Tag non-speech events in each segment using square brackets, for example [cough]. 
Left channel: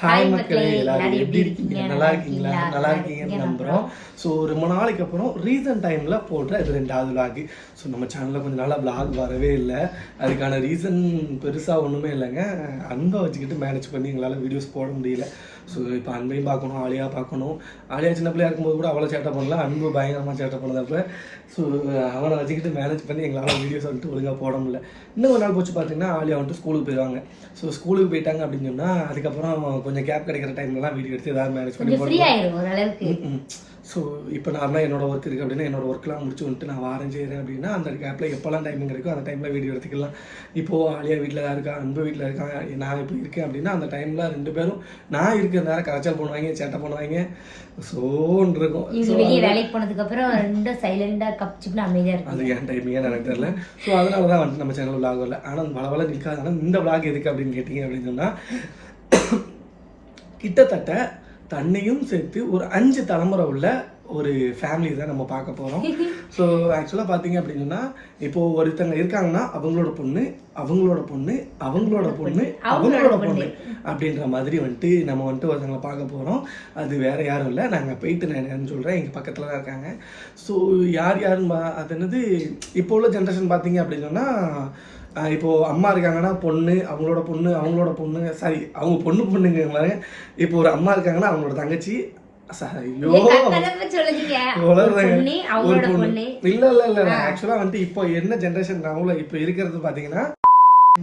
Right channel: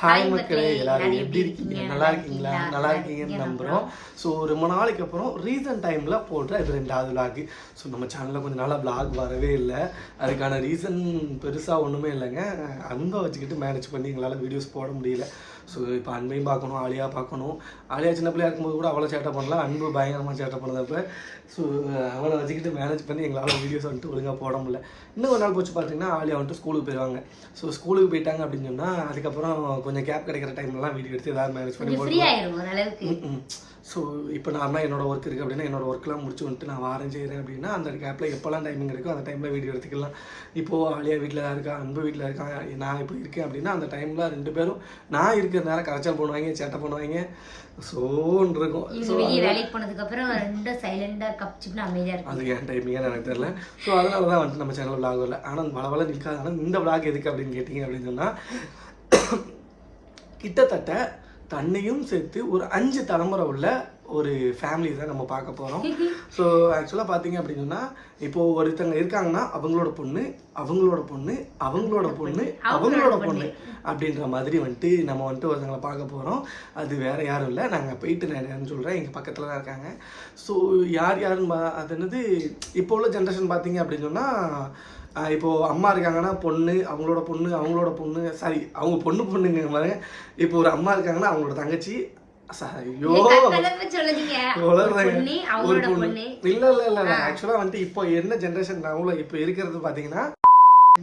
Hi மக்களே எல்லாரும் எப்படி இருக்கீங்க? நல்லா இருக்கீங்களா? நல்லா இருக்கீங்கன்னு நம்புறோம். ஸோ ரொம்ப நாளைக்கு அப்புறம் ரீசன்ட் டைம்ல போடுற இது ரெண்டாவது vlog. ஸோ நம்ம சேனல்ல கொஞ்ச நாளா vlog வரவே இல்லை. அதுக்கான ரீசன் பெருசா ஒண்ணுமே இல்லைங்க. அன்பை வச்சுக்கிட்டு மேனேஜ் பண்ணி எங்களால் வீடியோஸ் போட முடியல. ஸோ இப்போ அன்பையும் பார்க்கணும் ஆலியா பார்க்கணும். ஆலியா சின்ன பிள்ளையா இருக்கும்போது கூட அவ்வளோ சேட்டை பண்ணல அன்பு பயங்கரமாக சேட்டை பண்ணதப்ப ஸோ அவனை வச்சுக்கிட்டு மேனேஜ் பண்ணி எங்களால் வீடியோஸ் வந்துட்டு ஒழுங்காக போட முடியல. இன்னும் ஒரு நாள் போச்சு பார்த்தீங்கன்னா ஆலியா வந்துட்டு ஸ்கூலுக்கு போயிடுவாங்க. ஸோ ஸ்கூலுக்கு போயிட்டாங்க அப்படின்னு சொன்னால் அதுக்கப்புறம் கொஞ்சம் கேப் கிடைக்கிற டைம்லலாம் வீடியோ எடுத்து ஏதாவது மேனேஜ் பண்ணி ஸோ இப்போ நார்மலாக என்னோட ஒர்க் இருக்குது அப்படின்னா என்னோட ஒர்க்லாம் முடிச்சு வந்துட்டு நான் வாரம் செய்கிறேன் அப்படின்னா அந்த கேப்பில் எப்போல்லாம் டைமிங் இருக்கோ அந்த டைமில் வீடியோ எடுத்துக்கலாம். இப்போது ஆலியா வீட்டில் தான் இருக்கா அன்பு வீட்டில் இருக்காங்க நான் இப்போ இருக்கேன் அப்படின்னா அந்த டைமில் ரெண்டு பேரும் நான் இருக்கிற நேரம் கரைச்சல் பண்ணுவாங்க சேட்டை பண்ணுவாங்க. சோன்னு இருக்கும். இவங்க வெளியே வேலைக்கு ரெண்டும் சைலண்டா கப்சிப்னு அமைதியா இருக்கும் அது ஏன் டைமிங்காக எனக்கு தெரியல. ஸோ அதனால தான் வந்துட்டு நம்ம சேனல் விளாக் வரல ஆனால் வள வள நிற்காது ஆனால் இந்த விளாக் எதுக்கு அப்படின்னு கேட்டிங்க அப்படின்னு சொன்னால் கிட்டத்தட்ட தன்னையும் சேர்த்து ஒரு அஞ்சு தலைமுறை உள்ள ஒரு ஃபேமிலி தான் நம்ம பார்க்க போகிறோம் ஸோ ஆக்சுவலாக பார்த்தீங்க அப்படின்னு இப்போது ஒருத்தங்க இருக்காங்கன்னா அவங்களோட பொண்ணு அவங்களோட பொண்ணு அவங்களோட பொண்ணு அவங்களோட பொண்ணு. அப்படின்ற மாதிரி வந்துட்டு நம்ம வந்துட்டு ஒருத்தங்களை பார்க்க போகிறோம் அது வேற யாரும் இல்லை. நாங்கள் போயிட்டு நான் என்னன்னு சொல்கிறேன் எங்கள் பக்கத்தில் தான் இருக்காங்க. ஸோ யார் யாருன்னு அது என்னது இப்போ உள்ள ஜென்ரேஷன் பார்த்தீங்க அப்படின்னு சொன்னால் ஆஹ் இப்போ அம்மா இருக்காங்கன்னா பொண்ணு அவங்களோட பொண்ணு அவங்களோட பொண்ணு சாரி அவங்க பொண்ணு பொண்ணுங்க மாதிரி இப்போ ஒரு அம்மா இருக்காங்கன்னா அவங்களோட தங்கச்சி இல்ல இல்ல இல்ல ஆக்சுவலா வந்துட்டு இப்போ என்ன ஜென்ரேஷன் நாங்கள இப்போ இருக்கிறது பாத்தீங்கன்னா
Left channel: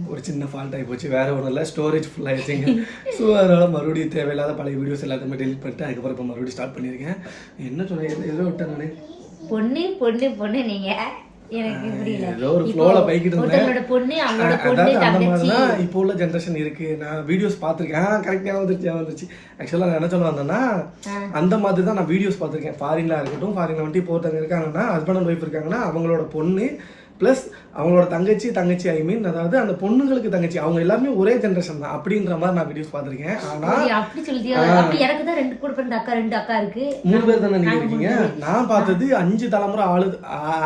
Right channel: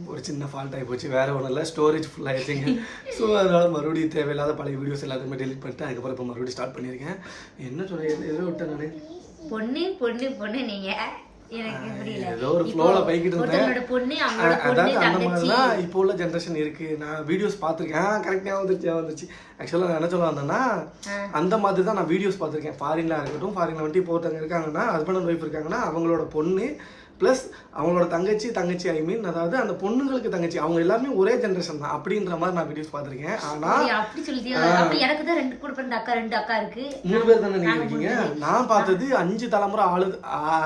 ஒரு சின்ன ஃபால்ட் ஆகி போச்சு வேற ஒன்றும் இல்லை. ஸ்டோரேஜ் ஃபுல் ஆயிடுச்சுங்க. ஸோ அதனால மறுபடியும் தேவையில்லாத பழைய வீடியோஸ் எல்லாத்தையுமே டெலிட் பண்ணிட்டு அதுக்கப்புறம் இப்போ மறுபடியும் ஸ்டார்ட் பண்ணியிருக்கேன். என்ன சொல்ல எதோ விட்டேன் பொண்ணு பொண்ணு எனக்கு புரியல ஏதோ ஒரு ஃப்ளோல போய்கிட்டு இருந்தேன். பொண்ணு அவங்களோட பொண்ணு தங்கச்சி. இப்போ உள்ள ஜென்ரேஷன் இருக்கு. நான் வீடியோஸ் பார்த்துருக்கேன். கரெக்டாக வந்துருச்சு வந்துருச்சு. ஆக்சுவலாக நான் என்ன சொல்ல வந்தேன்னா அந்த மாதிரி தான் நான் வீடியோஸ் பார்த்துருக்கேன். ஃபாரின்ல இருக்கட்டும் ஃபாரின்ல வந்துட்டு இப்போ ஒருத்தவங்க இருக்காங்கன்னா ஹஸ்பண்ட் அண்ட் ஒய்ஃப் இருக்காங்கன்னா அவங்களோட பொண்ணு ப்ளஸ் அவங்களோட தங்கச்சி தங்கச்சி ஐ மீன் அதாவது அந்த பொண்ணுங்களுக்கு தங்கச்சி அவங்க எல்லாமே ஒரே ஜென்ரேஷன் தான். அப்படின்ற மாதிரி நான் வீடியோஸ் பார்த்துருக்கேன். ஆனா அப்படி- சொல்லியா எனக்கு தான் ரெண்டு கூட பிறந்த அக்கா ரெண்டு அக்கா இருக்கு. மூணு பேர் தானே நீங்க இருக்கீங்க? நான் பார்த்தது அஞ்சு தலைமுறை ஆளு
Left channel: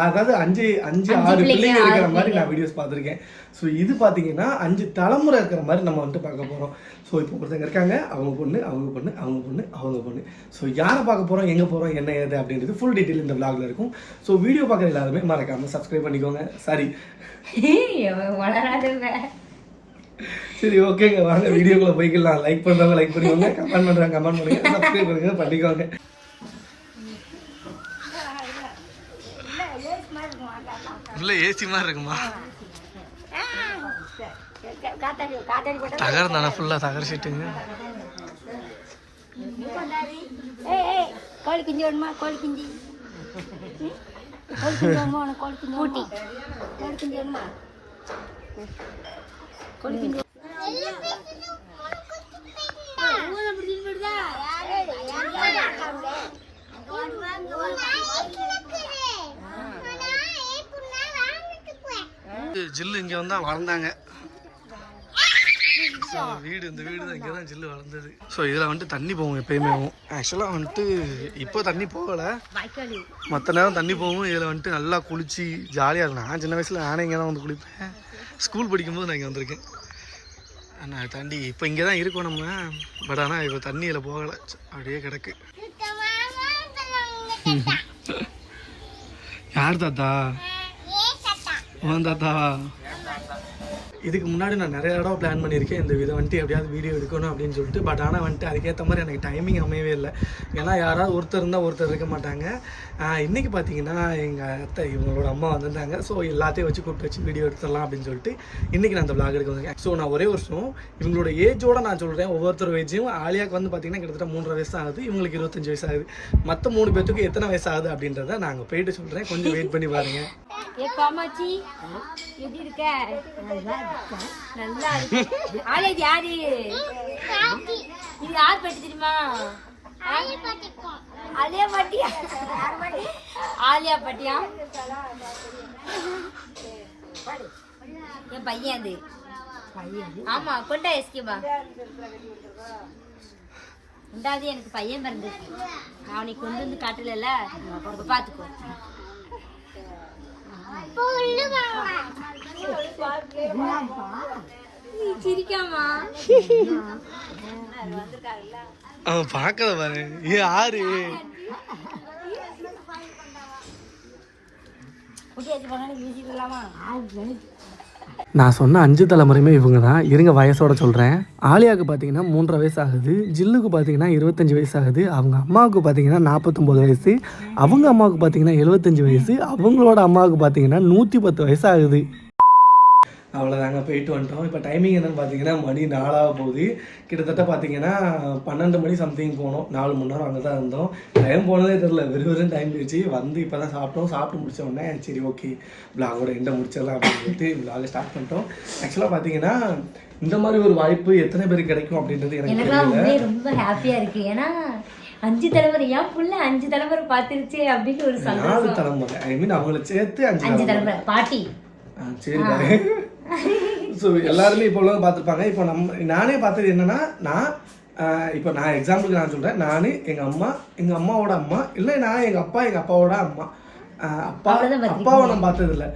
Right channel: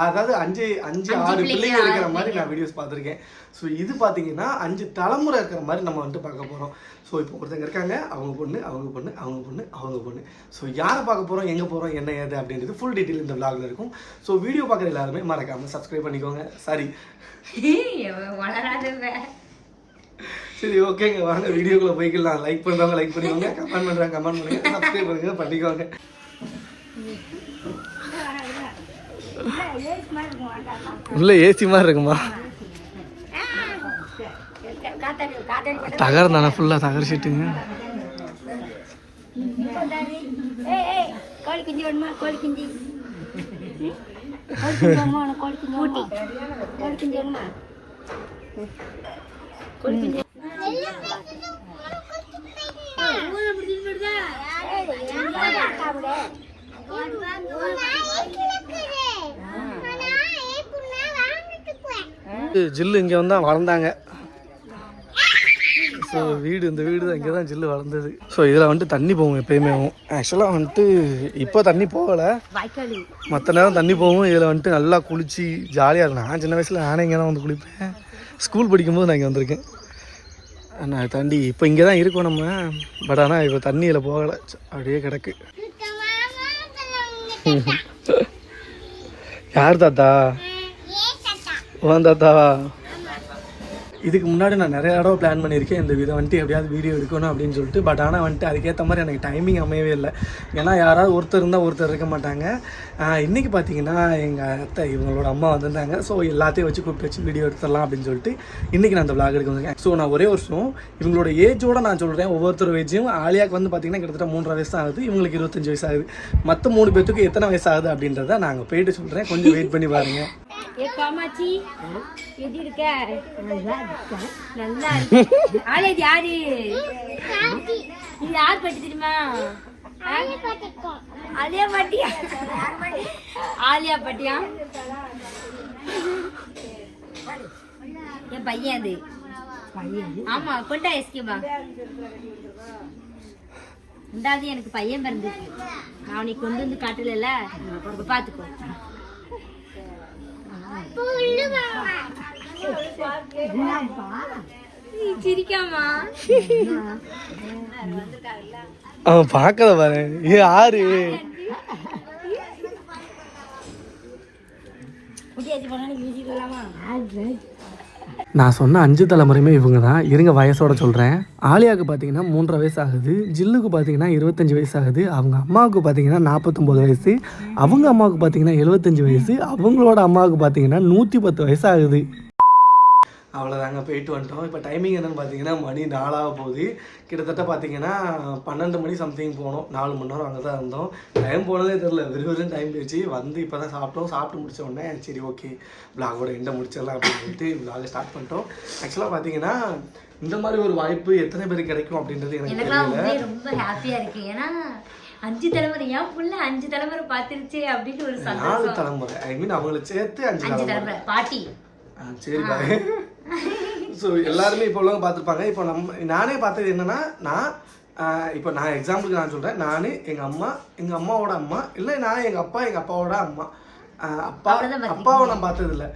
அதாவது அஞ்சு அஞ்சு ஆறு பிள்ளைங்க இருக்கிற மாதிரி நான் வீடியோஸ் பார்த்துருக்கேன். ஸோ இது பார்த்தீங்கன்னா அஞ்சு தலைமுறை இருக்கிற மாதிரி நம்ம வந்துட்டு பார்க்க போறோம். ஸோ இப்போ ஒருத்தங்க இருக்காங்க அவங்க பொண்ணு அவங்க பொண்ணு அவங்க பொண்ணு அவங்க பொண்ணு ஸோ யாரை பார்க்க போறோம் எங்க போறோம் என்ன ஏது அப்படின்றது ஃபுல் டீட்டெயில் இந்த vlogல இருக்கும் ஸோ வீடியோ பார்க்குற எல்லாருமே மறக்காம சப்ஸ்கிரைப் பண்ணிக்கோங்க சாரி சரி ஓகேங்க வாங்க வீடியோக்குள்ள போய்க்கலாம் லைக் பண்றவங்க லைக் பண்ணிக்கோங்க கமெண்ட் பண்றவங்க கமெண்ட் பண்ணுங்க சப்ஸ்கிரைப் பண்ணுங்க பண்ணிக்கோங்க உள்ள ஏசி மாதிரி இருக்குமா தகரம் தானே ஃபுல்லா தகர சீட்டுங்க. கோழி குஞ்சு வேணுமா? கோழி குஞ்சு. ம்? கோழி குஞ்சு வேணுமா? உனக்கு கோழி குஞ்சு வேணுமா? கோழி குஞ்சு வேணுமா? கோழி குஞ்சு ஜில்லு இங்க வந்தா வளர்ந்தாங்க. ஸோ வீடு இந்த வீடு தான் இங்கே தான் ஜில்லு வளர்ந்தது. ஸோ இதில் வந்துட்டு தண்ணி போகும் எப்பயுமே. ஆக்சுவலாக வந்துட்டு இப்போ தண்ணி போகலை. மற்ற நேரம் தண்ணி போகும். இதில் வந்துட்டு நல்லா குளிச்சு ஜாலியாக இருக்கும் நான் சின்ன வயசில் நானே இங்கே தான் வந்து குளிப்பேன். ஸ்கூல் படிக்கும்போது நான் இங்கே வந்திருக்கேன். நான் தாண்டி இப்போ இங்கே தான் இருக்கோம் நம்ம. பட் ஆனால் இப்போ தண்ணியில் போகலை. அப்படியே கிடக்கு. [laughs] யார் தாத்தா? ஓன் தாத்தாவா இதுக்கு முன்னாடி நான் நிறைய தடவை பிளான் பண்ணியிருக்கேன். இந்த விதம் வந்துட்டு எப்படியாவது வீடியோ எடுக்கணும் அப்படின்னு சொல்லிட்டு. பட் ஆனால் வந்துட்டு அதுக்கேற்ற மாதிரி எனக்கு டைமிங் அமையவே இல்லை. ஏன்னா யாராவது ஒருத்தர் இருந்தால் ஒருத்தர் இருக்க மாட்டாங்க. இன்றைக்கி பார்த்தீங்கன்னா எங்கள் அத்தை இவங்களோட அம்மா வந்திருந்தாங்க. ஸோ எல்லாத்தையும் வச்சு கூப்பிட்டு வச்சு வீடியோ எடுத்துடலாம் அப்படின்னு சொல்லிட்டு இன்றைக்கி நான் அந்த vlog எடுக்க வந்திருக்கேன். ஸோ நான் ஒரே வருஷம் இவங்களோட ஏஜோட நான் சொல்கிறேன் ஒவ்வொருத்தர் ஏஜும் ஆலியாக்கு வந்து பார்த்தீங்கன்னா கிட்டத்தட்ட மூன்றரை வயசு ஆகுது. இவங்களுக்கு இருபத்தஞ்சு வயசு ஆகுது. மற்ற மூணு பேத்துக்கு எத்தனை வயசு ஆகுது அப்படின்றத நாங்கள் போயிட்டு சொல்கிறேன் கொஞ்சம் வெயிட் பண்ணி பாருங்கள் ஏ பாமாச்சி எப்படி இருக்க? நல்லா இருக்க நல்லா இருக்கு யாரு? இது யார் பாட்டி தெரியுமா? ஆலியா பாட்டியா? ஆலியா பாட்டியா? என் பையன் அது. ஆமா கொண்டா எஸ்கேபா ரெண்டாவது எனக்கு பையன் பிறந்துச்சு நான் அவனை கொண்டு வந்து காட்டல பாத்துக்கோ. அவன் பார்க்கல பாரு. ஏ ஆறு நான் சொன்ன அஞ்சு தலைமுறையுமே இவங்க தான் இருங்க வயசோட சொல்கிறேன் ஆலியாவுக்கு பார்த்தீங்கன்னா மூன்றரை வயசு ஆகுது ஜில்லுக்கு பார்த்தீங்கன்னா இருபத்தஞ்சி வயசு ஆகுது அவங்க அம்மாவுக்கு பார்த்தீங்கன்னா நாற்பத்தொம்போது வயசு. அவங்க அம்மாவுக்கு பார்த்தீங்கன்னா எழுபத்தஞ்சு வயசு. அவங்களோட அம்மாவுக்கு பார்த்தீங்கன்னா நூற்றி பத்து வயசு ஆகுது அவ்வளோதாங்க போயிட்டு வந்துட்டோம். இப்போ டைமிங் என்னென்னு பார்த்தீங்கன்னா மணி நாலாக போகுது. கிட்டத்தட்ட பார்த்தீங்கன்னா பன்னெண்டு மணி சம்திங் போனோம். நாலு மணி நேரம் அங்கே தான் இருந்தோம். டைம் போனதே தெரில வெறும் டைம் போயிடுச்சு. வந்து இப்போ தான் சாப்பிட்டோம். சாப்பிட்டு முடிச்ச உடனே சரி ஓகே விலாகோட எண்டை முடிச்சிடலாம் அப்படின்னு சொல்லிட்டு விலாக ஸ்டார்ட் பண்ணிட்டோம். ஆக்சுவலாக பார்த்தீங்கன்னா இந்த மாதிரி ஒரு வாய்ப்பு எத்தனை பேருக்கு கிடைக்கும் அப்படின்றது எனக்கு ரொம்ப ஹாப்பியா இருக்கு. ஏன்னா அஞ்சு தலைமுறை ஏன் புள்ள அஞ்சு தலைமுறை பார்த்துருச்சு? அப்படின்னு ஒரு நாலு தலைமுறை. ஐ மீன் அவங்கள சேர்த்து அஞ்சு அஞ்சு தலைமுறை. பாட்டி. சரி ஸோ எல்லாருமே இப்போ உள்ளவங்க பார்த்துருப்பாங்க. இப்போ நம்ம நானே பார்த்தது என்னன்னா நான் இப்போ நான் எக்ஸாம்பிளுக்கு நான் சொல்கிறேன் நான் எங்கள் அம்மா எங்கள் அம்மாவோட அம்மா இல்லை நான் எங்கள் அப்பா எங்கள் அப்பாவோட அம்மா. அப்பா. அப்பாவை நான் பார்த்தது இல்லை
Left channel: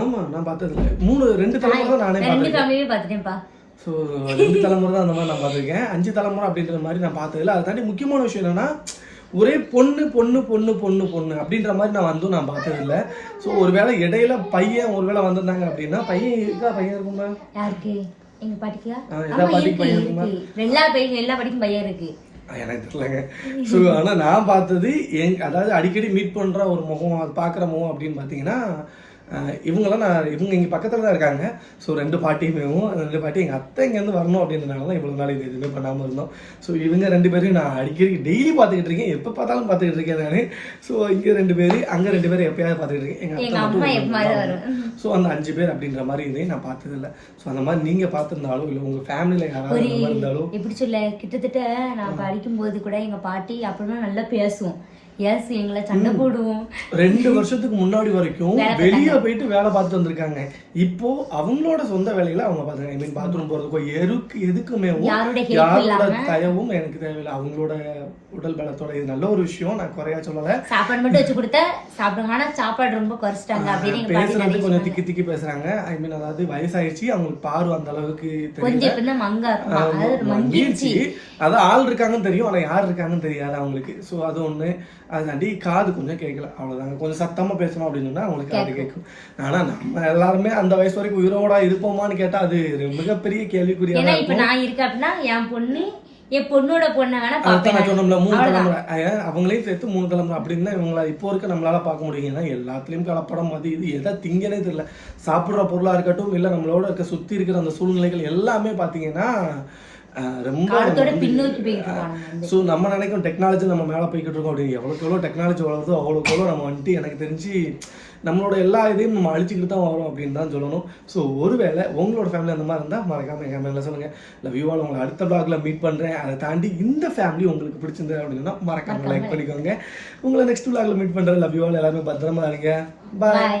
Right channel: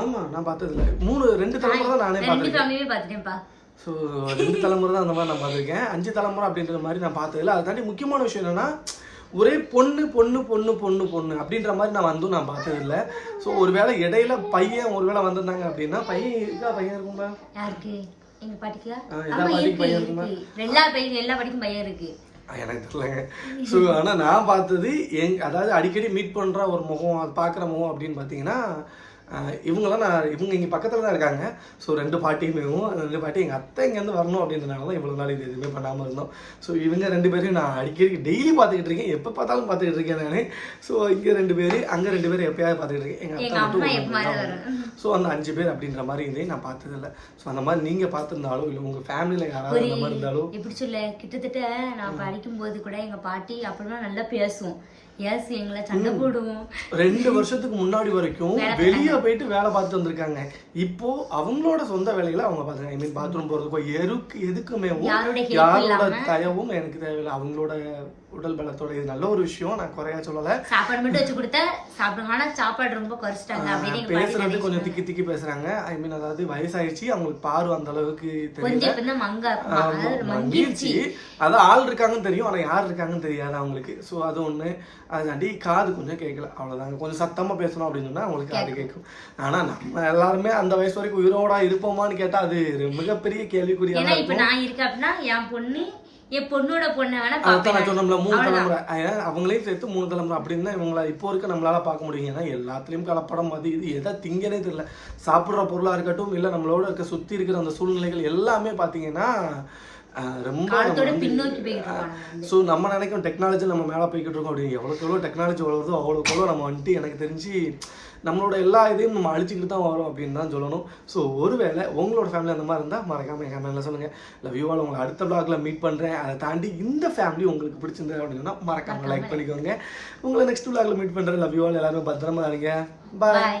ஆமாம் நான் பார்த்தது இல்லை மூணு ரெண்டு தலைமுறை தான் நானே பார்த்துருக்கேன். ஸோ ரெண்டு தலைமுறை தான் அந்த மாதிரி நான் பார்த்துருக்கேன். அஞ்சு தலைமுறை அப்படின்ற மாதிரி நான் பார்த்ததில்ல. அதை தாண்டி முக்கியமான விஷயம் என்னன்னா ஒரே பொண்ணு பொண்ணு பொண்ணு பொண்ணு பொண்ணு அப்படின்ற மாதிரி நான் வந்து நான் பார்த்ததில்ல. ஸோ ஒருவேளை இடையில பையன் ஒருவேளை வந்திருந்தாங்க அப்படின்னா பையன் இருக்கா? பையன் இருக்குமா? யாருக்கு? எங்க பாட்டிக்கா? எல்லா இருக்கு பையன் இருக்குமா? இருக்கு எல்லா பையன் எல்லா பாட்டிக்கும் பையன் இருக்கு. எனக்கு தெரியலங்க. ஸோ ஆனால் நான் பார்த்தது எங் அதாவது அடிக்கடி மீட் பண்ணுற ஒரு முகம் அது பார்க்குற முகம் அப்படின்னு பார்த்தீங்கன்னா ஆஹ், இவங்கெல்லாம் நான் இவங்க இங்கே பக்கத்தில் தான் இருக்காங்க. ஸோ ரெண்டு பாட்டியுமேவும் அந்த ரெண்டு பாட்டி எங்கள் அத்தை இங்கேருந்து வரணும் அப்படின்றனால தான் இவ்வளோ நாள் இது எதுவுமே பண்ணாமல் இருந்தோம். ஸோ இவங்க ரெண்டு பேரும் நான் அடிக்கடி டெய்லி பார்த்துக்கிட்டு இருக்கேன். எப்போ பார்த்தாலும் பார்த்துக்கிட்டு இருக்கேன் நான். ஸோ இங்கே ரெண்டு பேர் அங்கே ரெண்டு பேரும் எப்பயாவது பார்த்துக்கிட்டு இருக்கேன். எங்கள் எங்க அத்தை ஸோ அந்த அஞ்சு பேர் அப்படின்ற மாதிரி இதையும் நான் பார்த்ததில்ல. ஸோ அந்த மாதிரி நீங்கள் பார்த்துருந்தாலும் இல்லை உங்கள் ஃபேமிலியில் யாராவது இருந்தாலும் எப்படி சொல்ல கிட்டத்தட்ட நான் படிக்கும் போது கூட எங்க பாட்டி அப்படிலாம் நல்லா பேசும் எஸ் எங்களை சண்டை போடுவோம். ரெண்டு வருஷத்துக்கு முன்னாடி வரைக்கும் வெளியே போயிட்டு வேலை பார்த்துட்டு வந்திருக்காங்க. இப்போ அவங்களோட சொந்த வேலைகளை அவங்க பார்த்துருக்காங்க ஐ மீன் பாத்ரூம் போறதுக்கோ எருக்கு எதுக்குமே யாரோட. தயவும் எனக்கு தேவையில்லை. அவங்களோட உடல் பலத்தோட இது நல்ல ஒரு விஷயம் நான் குறையா சொல்லல. சாப்பாடு மட்டும் வச்சு கொடுத்தா சாப்பிடுங்க. ஆனா சாப்பாடு ரொம்ப குறைச்சிட்டாங்க அப்படின்னு பேசுறது கொஞ்சம் திக்கி திக்கி பேசுறாங்க. ஐ மீன் அதாவது வயசாயிடுச்சு. அவங்களுக்கு பார்வை அந்த அளவுக்கு கொஞ்சம் தெரியல இப்ப தான் மங்க அதாவது மங்கிருச்சு மங்கிருச்சு அதான் ஆள் இருக்காங்கன்னு தெரியும். ஆனா யார் இருக்காங்கன்னு தெரியாது அவங்களுக்கு. ஸோ அது ஒண்ணு. அதுதாண்டி காது கொஞ்சம் கேட்கல. அவ்வளவுதாங்க. கொஞ்சம் சத்தமா பேசணும் அப்படின்னு சொன்னா அவங்களுக்கு காது கேட்கும். ஆனா நம்ம எல்லாருமே அந்த வயசு வரைக்கும் உயிரோட இருப்போமான்னு கேட்டா அது மிகப்பெரிய கேள்விக்குறியா ஏன்னா இப்ப நான் இருக்கேன் அப்படின்னா என் பொண்ணு என் பொண்ணோட பொண்ணை வேணா அதுதான் பாப்பேன் நான் சொன்னோம்ல மூணு. தலைமுறை. அஹ் அவங்களையும் சேர்த்து மூணு தலைமுறை. அப்படின்னா இவங்கள இப்போ இருக்க நம்மளால பார்க்க முடியும். ஏன்னா எல்லாத்துலயும் கலப்படம் அது இது எதை திங்கனே தெரியல. சாப்பிடுற பொருளா இருக்கட்டும் இல்ல நம்மளோட இருக்க சுத்தி இருக்கிற அந்த சூழ்நிலைகள் எல்லாமே பாத்தீங்கன்னா அஹ் ரொம்ப ஸோ நம்ம நினைக்கும் டெக்னாலஜி நம்ம மேலே போய்கிட்டு இருக்கோம் அப்படின்னு எவ்வளோக்கு எவ்வளோ டெக்னாலஜி வளருதோ அவ்வளோக்கு எவ்வளோ நம்ம வந்துட்டு எனக்கு தெரிஞ்சு நம்மளோட எல்லா இதையும் நம்ம அழிச்சிக்கிட்டு தான் வரோம் அப்படின்னு தான் சொல்லணும். ஸோ ஒருவேளை உங்களோட ஃபேமிலி அந்த மாதிரி இருந்தால் மறக்காம என் ஃபேமிலியில் சொல்லுங்கள் இல்லை வியூவால் உங்களை அடுத்த பிளாக்ல மீட் பண்ணுறேன் அதை தாண்டி இந்த ஃபேமிலி உங்களுக்கு பிடிச்சிருந்தது அப்படின்னா மறக்காம லைக் பண்ணிக்கோங்க. உங்களை நெக்ஸ்ட் பிளாக்ல மீட் பண்ணுறேன் லவ் யூவால் எல்லாருமே பத்திரமா இருங்க. பாய்